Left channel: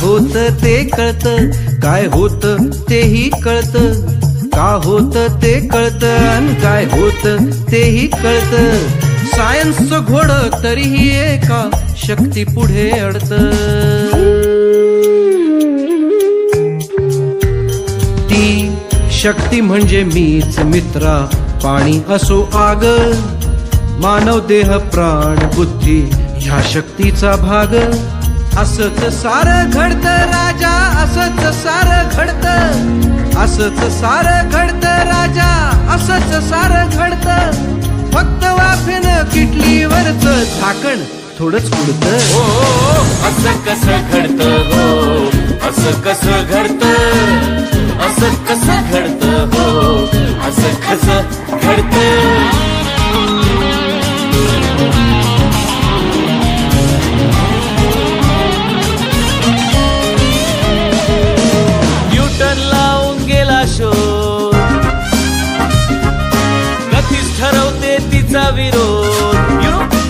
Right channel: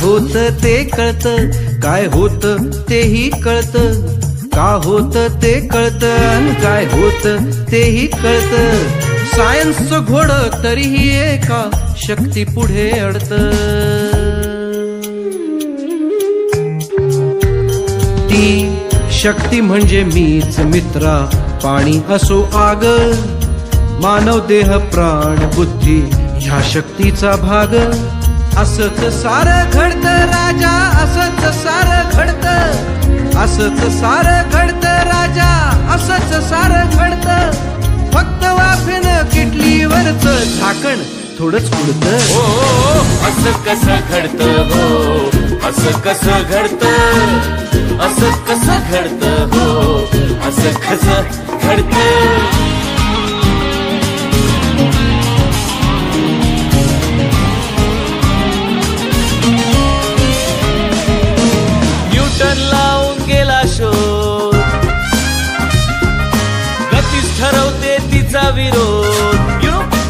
होत ते कळतं, काय होत तेही कळतं. का होत ते कळतं आणि काय होत तेही कळतं. सायन्सचं घोडं तरीही एका शक्ती पुढे अडतं. ती शक्ती म्हणजे मीच मित्रा, पाणी असो आग, मानव देह प्राण बुद्धी ह्या शक्तीचा भाग. असंच सारं घडतं राजा, असंच सारं घडतं, असंच सारं घडतं राजा, असंच सारं घडतं. फक्त वाफेनं किटलीवरचं झाकण थोडंच उडतं. हो असं कसं घडतं, हो असं कसं घडतं, असं कसं घडतं, हो असं कसं घडतं. न्यूटन लावून गेला शोध, गतीच ठरवते तिचा विरोध.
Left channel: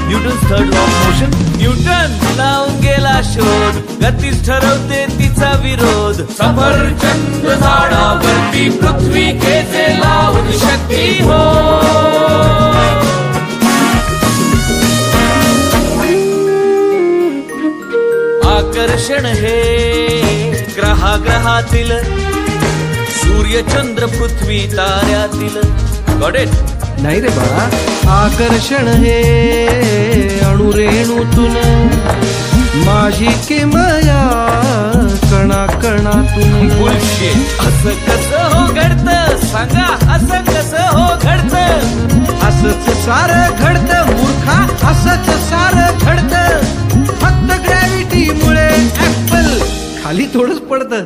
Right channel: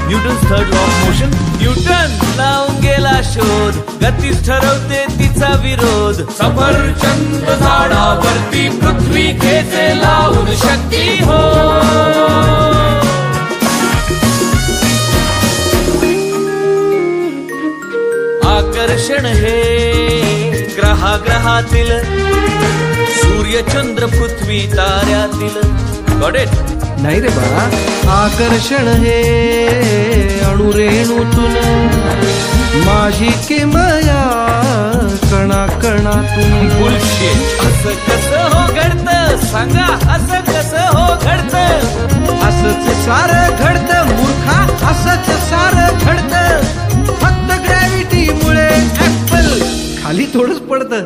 Newton's third law of motion. Newton लावून गेला शोध, गतीच ठरवते तिचा विरोध. सफरचंद झाडावरती पृथ्वी खेचे लावून शक्ती हो. आकर्षण हे ग्रहातील, सूर्य चंद्र पृथ्वी ताऱ्यातील. Got it? नाही रे बाळा, आकर्षण हे अणुरेणूतून, माझी किमया कणा कणातून. बुलशिट. असं कसं हो घडतं, सांगा असं कसं हो घडतं. असंच सारं घडतं मूर्खा, असंच सारं घडतं. फक्त ग्रॅव्हिटी मुळे ऍपल खाली थोडंच पडतं.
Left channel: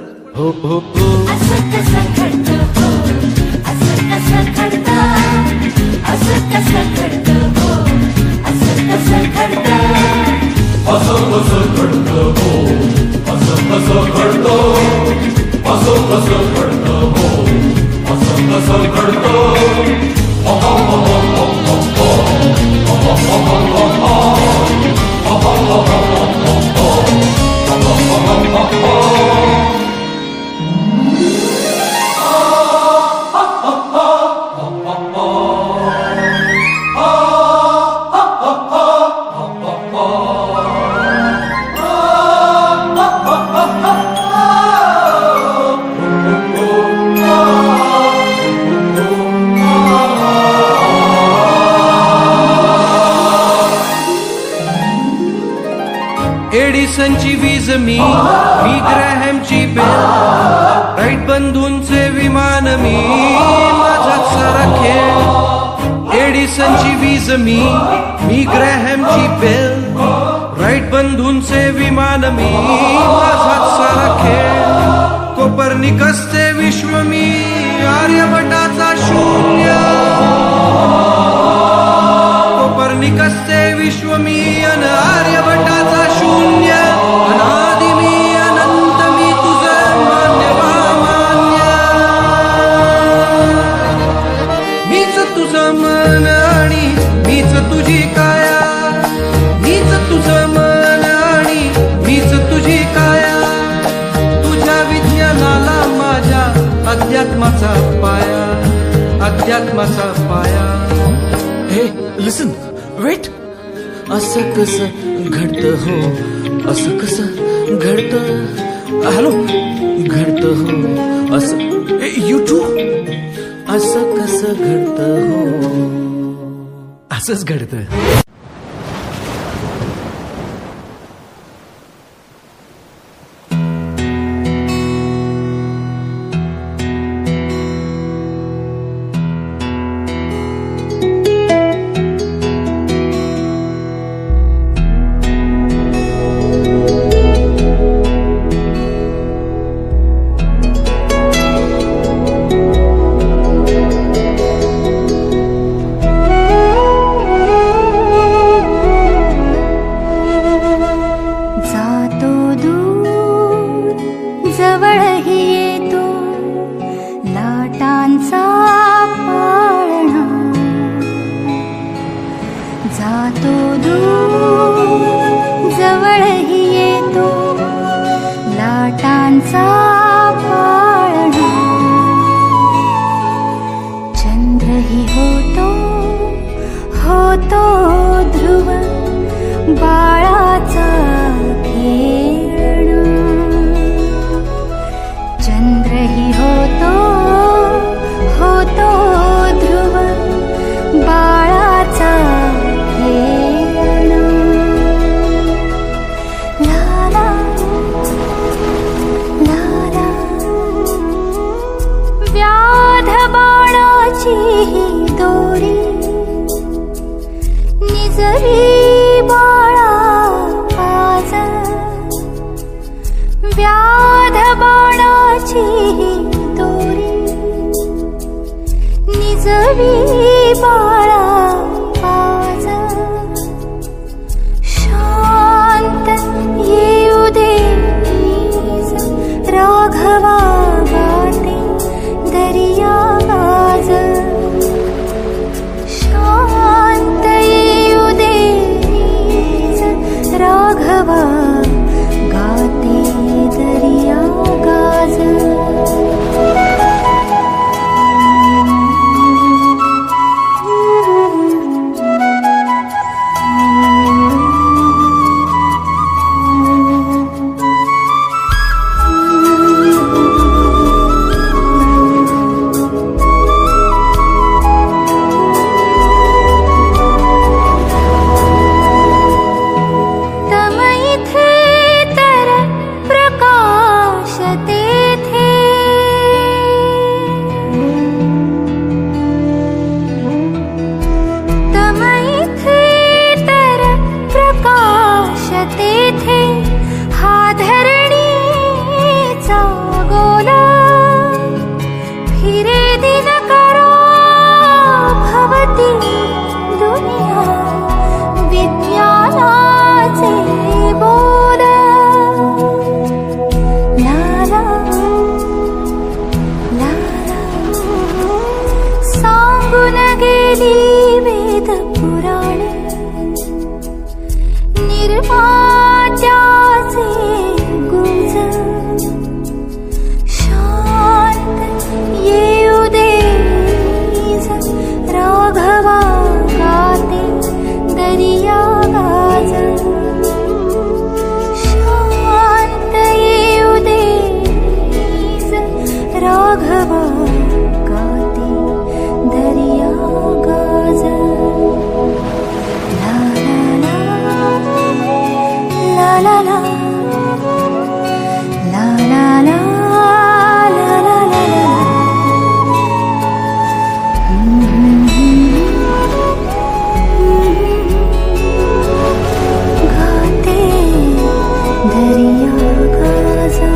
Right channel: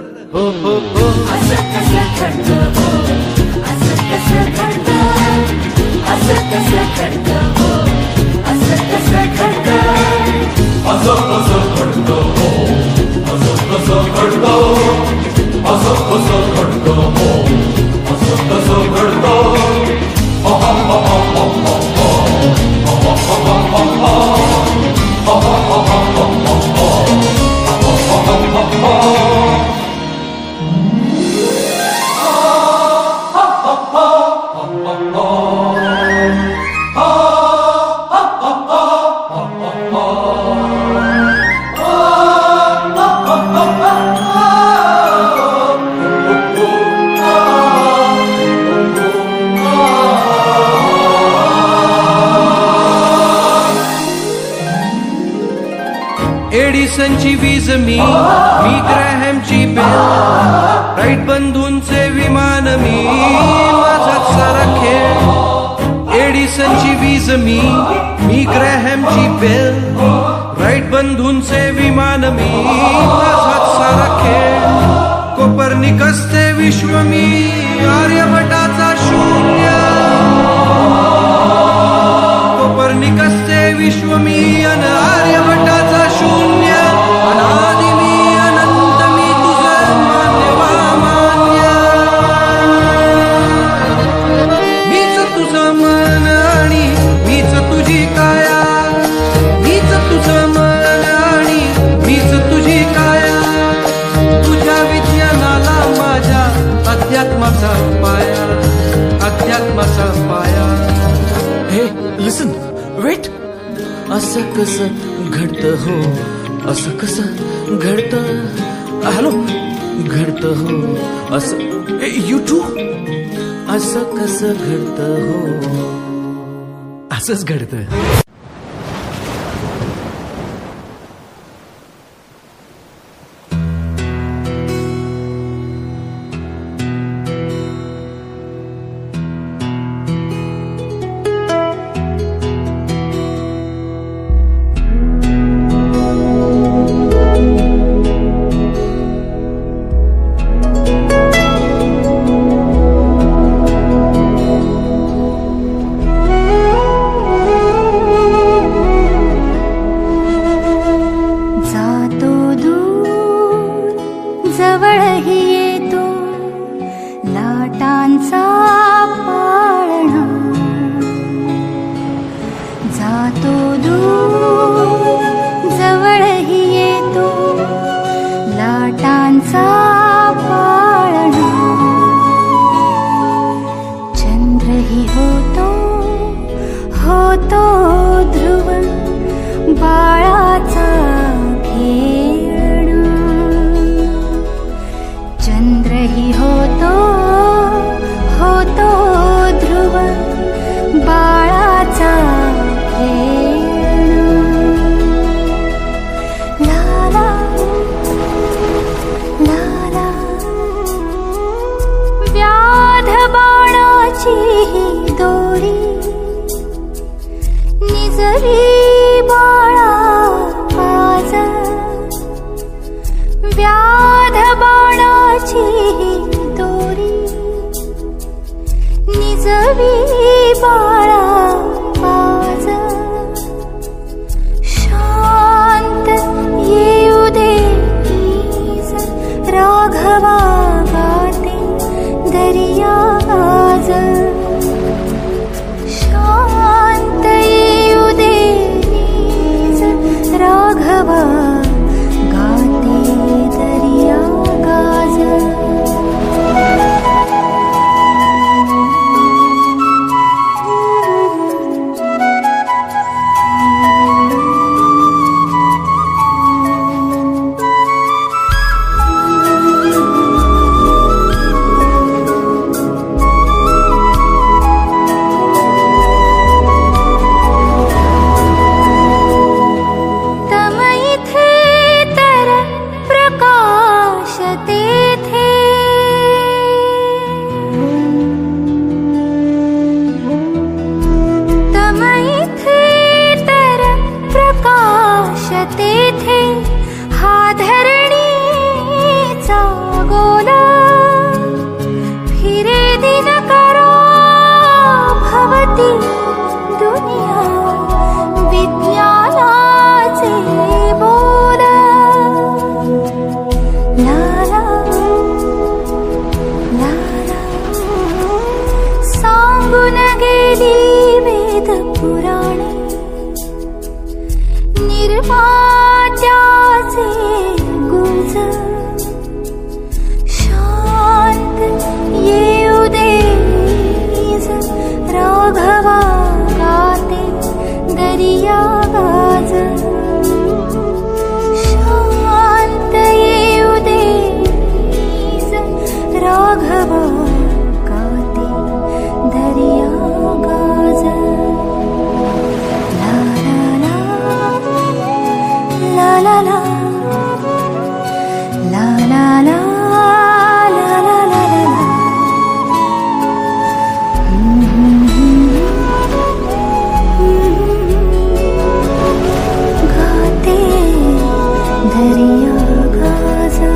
एडिसनची वीज मी ग्रॅहमची बेल, राईट बंधूंचे विमान मी, माझाच सारा खेळ. एडिसनची वीज मी ग्रॅहमची बेल, राईट बंधूंचे विमान मी, माझाच सारा खेळ. कोपर्निकसचे विश्व मी, आर्यभटाचा शून्य. कोपर्निकसचे विश्व मी अन आर्यभटाचा शून्य. अनादि मी अनंत मी, तुझं मान्य वा मान्य. मीच तुझं मन आणि मीच तुझी काया, मीच तुझं मन आणि मीच तुझी काया. तुझ्या विज्ञानाला माझ्या अध्यात्माचा पाया, अध्यात्माचा पाया. हे लिसन, वेट. असं कसं घडतं हो, असं कसं घडतं. हॅलो, घडतं हो असं. You too. असं कसं घडतं हो, असंच घडतं. जातो दूर जवळही येतो. निजवी बाळा काज व्याध बाणाची दोरी निजवी बाळा काज शांत येऊ दे राघवा गाते दरिया गाज शांत येऊ दे राघवा गाते दरिया गाज निर्मात्याचे गुंज शांत येऊ दे राघवा गाते दरिया गाज शांत येऊ दे राघवा गाते दरिया गाज ला ला ला ला ला ला ला गाते दरिया गाजा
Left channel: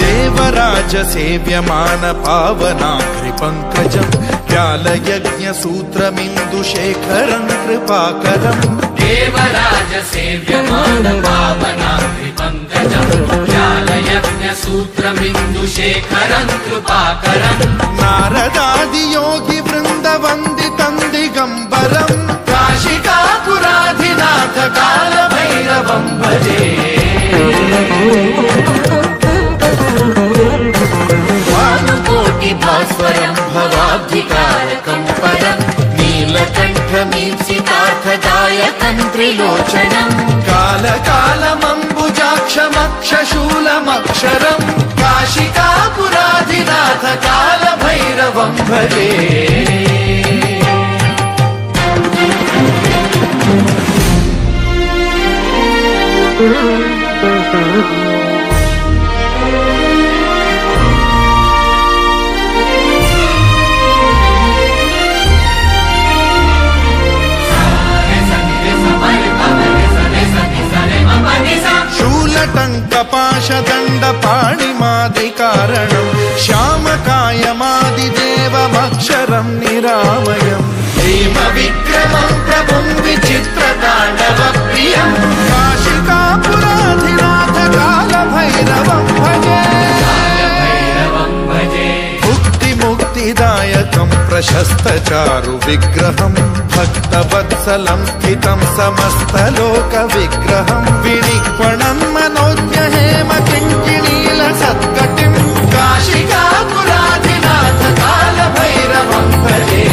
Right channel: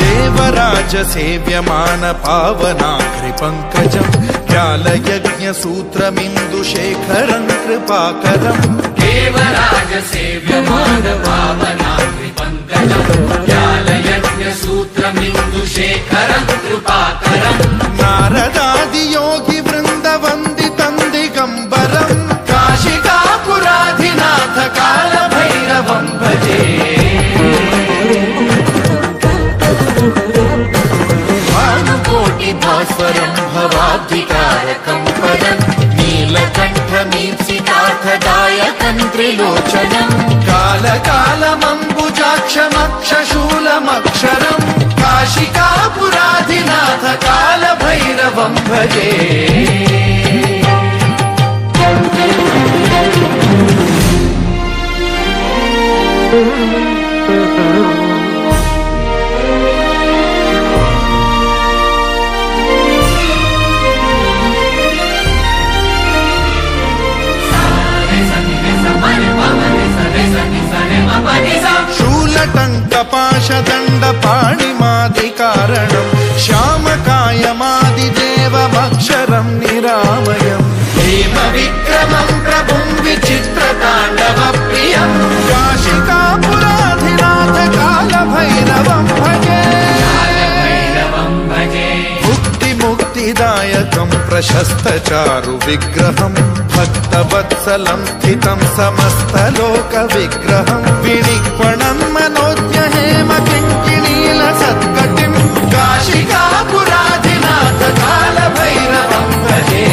देवराज सेव्यमान पावनाग्रिपङ्कजं व्यालयज्ञसूत्रमिन्दुशेखरं कृपाकरम् देवराज सेव्यमान पावनाग्रिपङ्कजं व्यालयज्ञसूत्रमिन्दुशेखरं कृपाकरम् नारदादियोगिवृन्दवन्दितं दिगम्बरं काशिकापुराधिनाथ कालभैरवं भजे भास्वरं भवाब्धिकारकं परं नीलकण्ठमीप्सितार्थदायकं त्रिलोचनं कालकालमम्बुजाक्षमक्षशूलमक्षरं काशिकापुराधिनाथ कालभैरवं भजे शूलटङ्कपाशदण्डपाणिमादिकारणं श्यामकायमादिदेवमक्षरं निरामयं हेमविक्रमं प्रभुं विचित्रताण्डवप्रियं काशिकापुराधिनाथ कालभैरवं भजे मुक्तिदायकं प्रशस्तचारु विग्रहं भक्तवत्सलं स्थितं समस्तलोकविग्रहं विनिक्वणं मनोज्ञहेम किङ्किणीलसत्कटिं काशिकापुराधिनाथ कालभैरवं भजे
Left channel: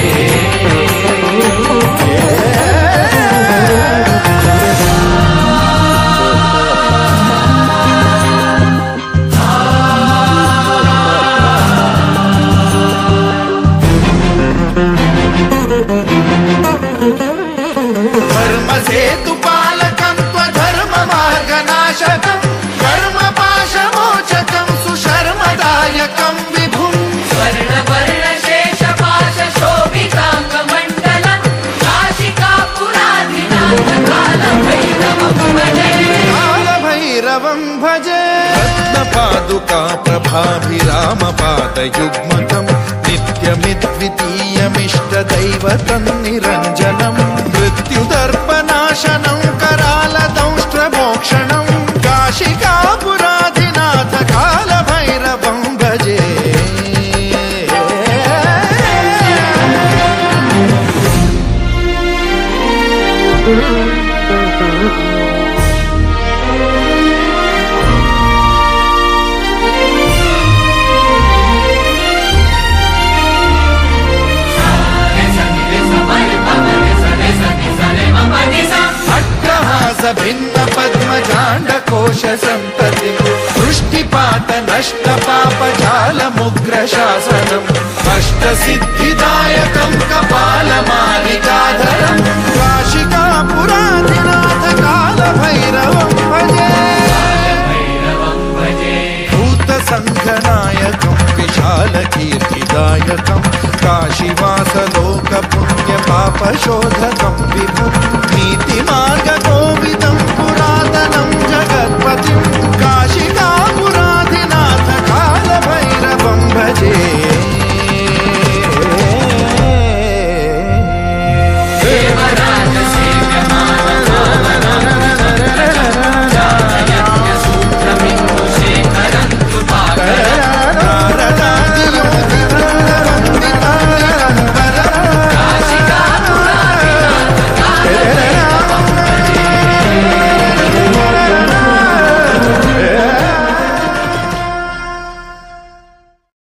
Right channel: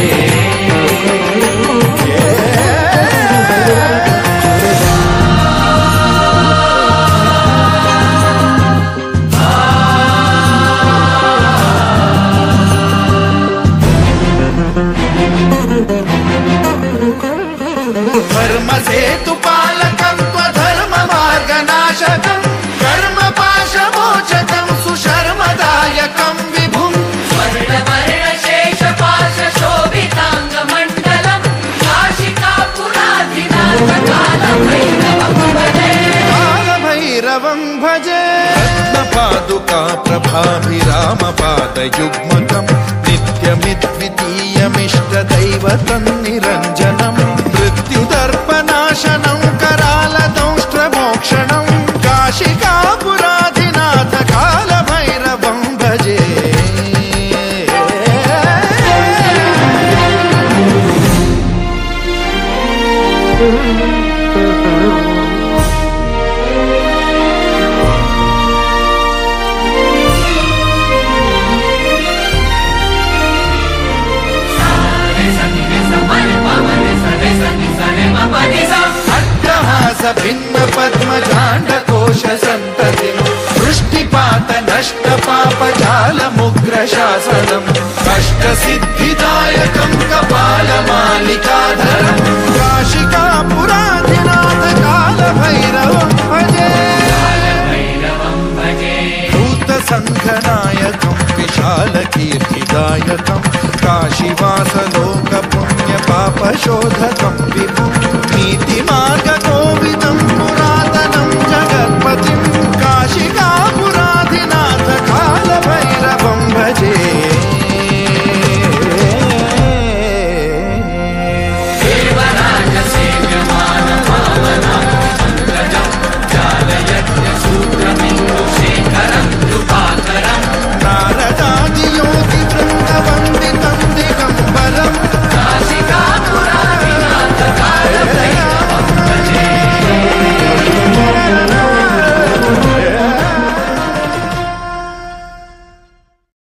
धर्मसेतुपालकं त्वधर्ममार्गनाशकं कर्मपाशमोचकं सुशर्मदायकं विभुम् कालभैरवं भजे रत्नपादुका प्रभाभिरामपादयुग्मकं नित्यमिद्वितीयमिष्टदैवतं निरञ्जनं मृत्युदर्पनाशनं करालदंष्ट्रमोक्षणं काशिकापुराधिनाथ कालभैरवं भजे भिन्न पद्मजाण्डकोश सन्ततिं वृष्टिपात नष्ट पापजालमुग्रशासनम् अष्टसिद्धिदायकं कपालमालिकाधरं काशिकापुराधिनाथ कालभैरवं भजे भूतसङ्घनायकं विशालकीर्तिदायकं काशीवासलोकपुण्यपापशोधकं विभुं नीतिमार्गकोविदं पुरातनं जगत्पतिं काशिका